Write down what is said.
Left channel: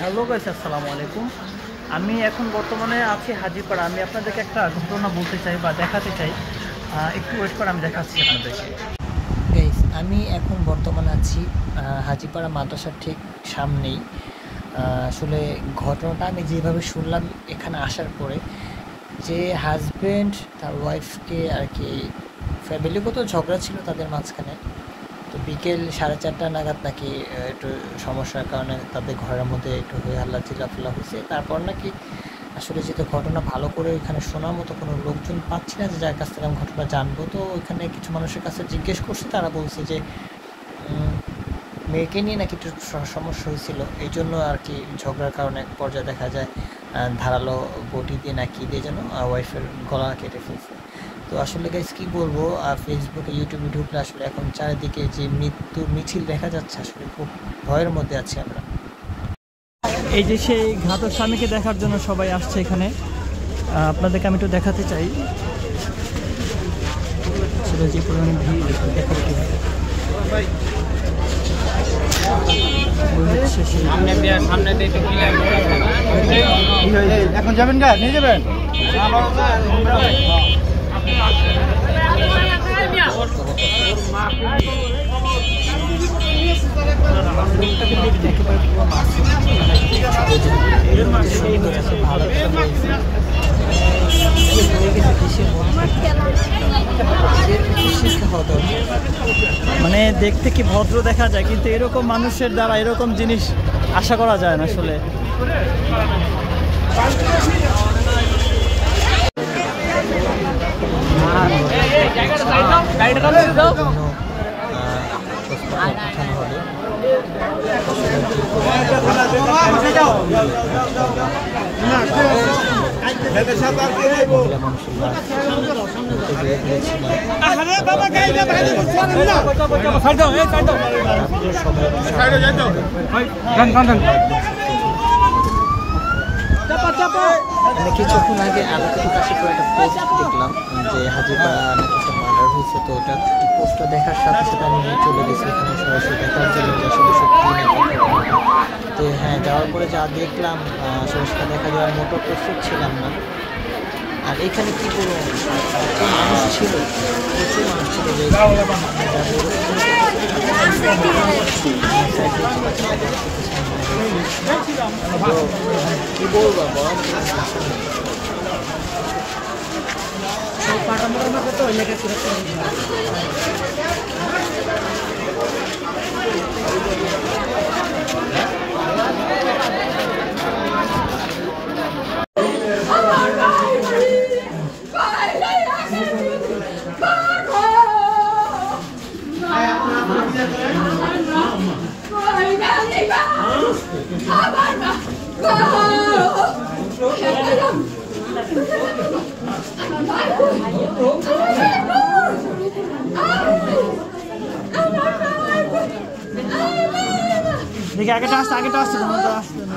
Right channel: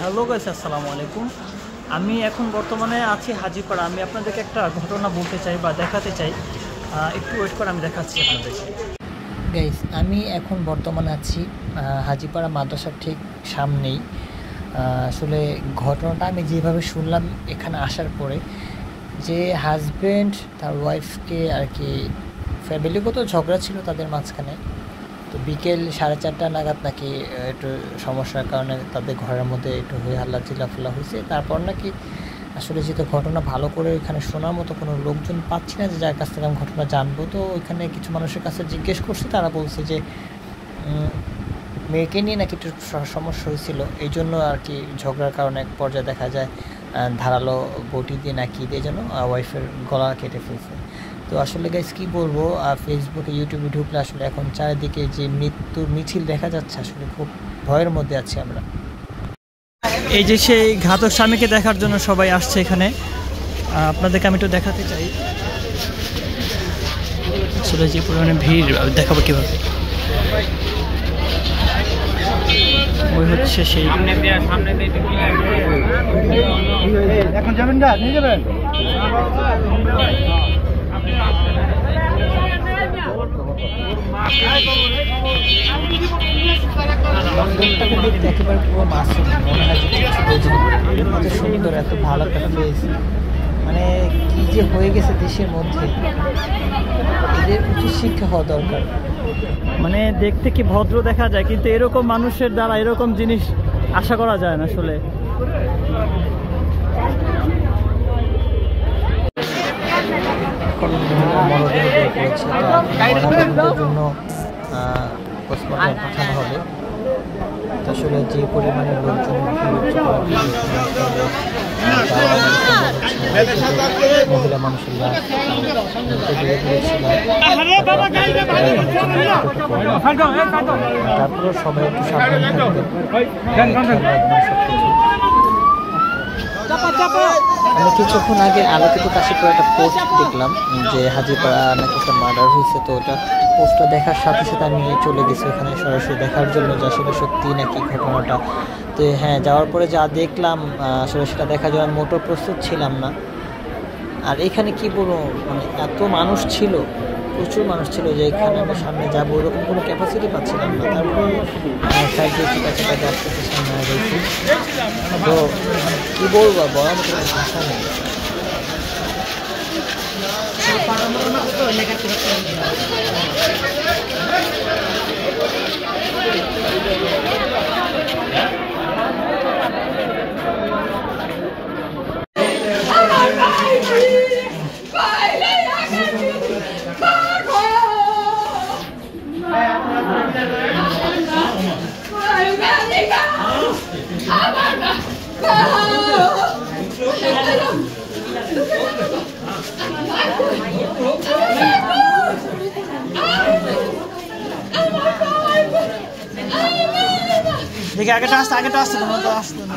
Hello guys, আসসালামু আলাইকুম। আমি এখন বর্তমানে আছি হাজিপাড়া। আমি আপনাদেরকে একটা ঘটনা বলতে চাই বা দেখাতে চাই। একটু ওয়েট করে, আমি দেখাচ্ছি আপনাদেরকে। গাইস, আমি এখন বর্তমানে আছি হাজিপাড়া মাদ্রাসার ঠিক সামনেই। আসলে ঘটনাটা আমি যেভাবে শুনলাম এখানে আসার পরে, যে হাজব্যান্ড তার ওয়াইফকে আর কি ফ্যামিলিগত ঝগড়া ছিল তাদের মাঝখানে। তো বিকেল 4:30 নাগাদ নাকি একটু সমস্যার কারণে তাদের ঘরের মধ্যে একটু হয়ে হাল্লা চিল্লাফাল্লা হয়েছে। তারপর নাকি আসলে যেহেতু ঘটনা ভালো করে ওইখানে শোনার মতো কোনো লোকজন পাচ্ছি না, যে যার কাছ থেকে আমি ঘটনা জানবো। তো ওইখানে কিছু মানুষের কাছে জিজ্ঞেস করছি, তারা বলছে যে মেয়েকে নিয়ে নাকি একটু সমস্যা হয়েছিল, এই জন্য আর কি ঝগড়ার কারণে এক পর্যায়ে দেখা যায় ধারালো বটি দিয়ে নাকি দিয়ে যেন ওয়াইফের গলা কেটে ফেলছে। তো আসলে গাইস কী বলবো, ফেসবুকে ইউটিউবে ঢুকলে আসলে এখন চারিদিকে যে মৃত্যুর মিছিল দেখা যাচ্ছে, আসলে খুব ভয়ের মধ্যে আছি আমরা। এই যে সেই ঘাতক স্বামীকে দেখার জন্য সবাই আসছে এখানে। আপনাদেরকে আমি একটু দেখাতে চাই আসলে যে পরিমাণে ভিড়, দেখাবো কীভাবে। ওই হচ্ছে সেই এখন যাবেন না, নিয়ে যাবেন। লোকটাকে দেখতে একেবারে পুরো মাসুম মনে হয়, কিছু বোঝে না, সুন্দর এত ভালো একটা হয়েছে। মানে কি যে হয়ে গেছে দেশের মধ্যে, এদের উচিত শিক্ষা হওয়া দরকার। মানে দেখতে কি ভদ্র দেখা যায়, কিন্তু এরকম মানুষের দ্বারা এরকম জিনিস আশা করা যায় না আসলে। পাঠানো হবে আসলে যে পরিমাণে মহিলা মানুষের লাশ তারপরে সবাই একটু সাবধান থাকবে। আমি কিছুক্ষণ আগে আলোকিত পাশে একটা পোস্ট দেখলাম যে হাজিপাড়া নাকি একটা মার্ডার হয়েছে। তো ওটা পোস্টটা দেখার সাথে সাথে আমি চলে গেছি এখানে সরাসরি দেখার জন্য যে আসলে সত্যি নাকি ঘটনাটা। তো হ্যাঁ, যাওয়ার পরে যা দেখলাম আসলে সেটা দেখা যাওয়ার মোটো প্রস্তুত ছিলাম না। আর এখানে কী বলবো, এত মানুষ ছিল, প্রচুর মানুষ ছিল যে আমি যাবো ওরকম কোনো ক্যাপাসিটি পাচ্ছি না। তো কী বলবো, বড় মতো ভাষা নেই। দেখি আগেটা আসতে তোমার তো আসতে না।